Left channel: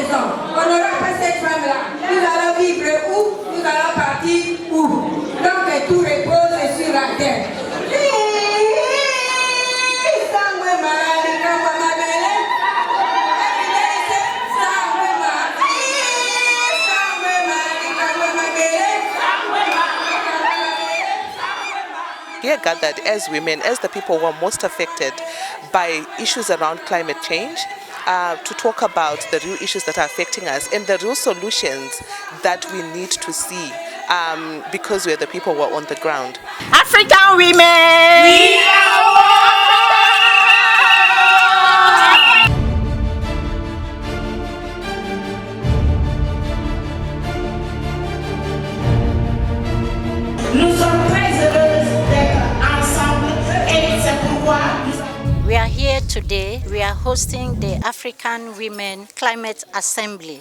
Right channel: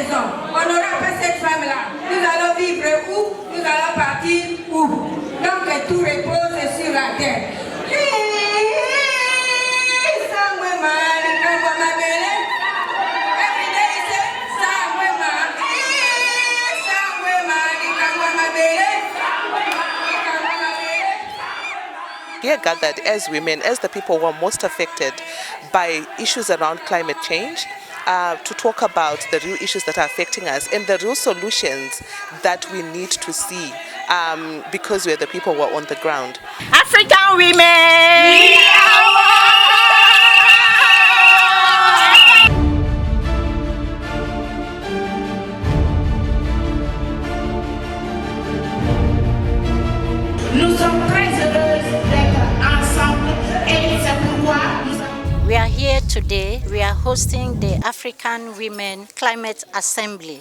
maison. On n'aura pas cette femme-là. Nous allons vivre où? Nous allons partir où? Donc tout repose sur la terre. Here gathered as women, as the people who are most affected by issues around climate change, to talk about the real issues that are affecting us and the real solutions that we need to see, because we're the people who are on the ground. African women! We are one! Nous sommes très heureuses d'être ensemble et c'est pourquoi We are here today. We are hosting the African Women Climate Assembly.